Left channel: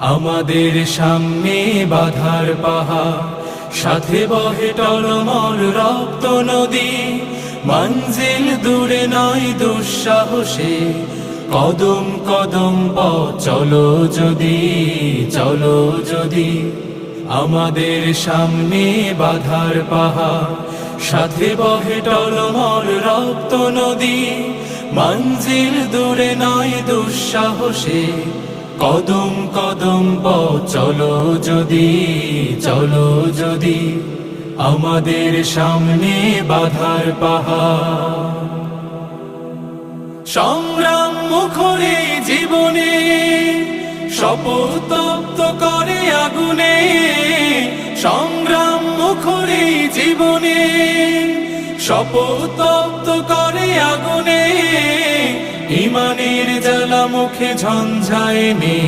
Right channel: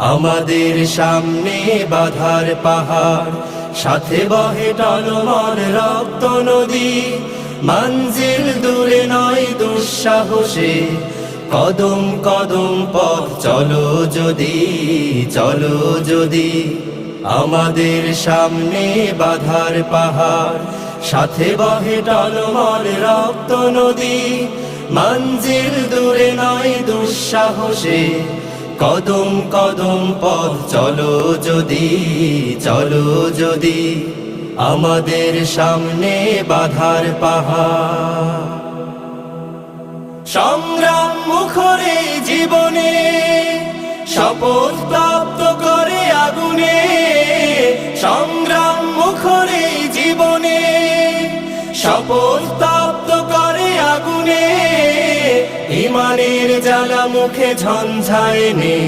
আমাদের সামনে বাধার পাহাড়, সাথে বহে টলমল রক্ত নদী। মঞ্জিল দূরে নয় দুঃসাহসে, কদম কদম পথ চলো যদি, চলো যদি। আমাদের সামনে বাধার পাহাড়, সাথে বহে টলমল রক্ত নদী। মঞ্জিল দূরে নয় দুঃসাহসে, কদম কদম পথ চলো যদি, চলো যদি। আমাদের সামনে বাধার পাহাড়, সংগ্রাম মুখরে জীবনে শপথ তপ্ত করে আগুনে। সংগ্রাম মুখরে জীবনে শপথ তপ্ত করে আগুনে। ইমানের জ্বালা মুখে ঝঞ্ঝা এনে,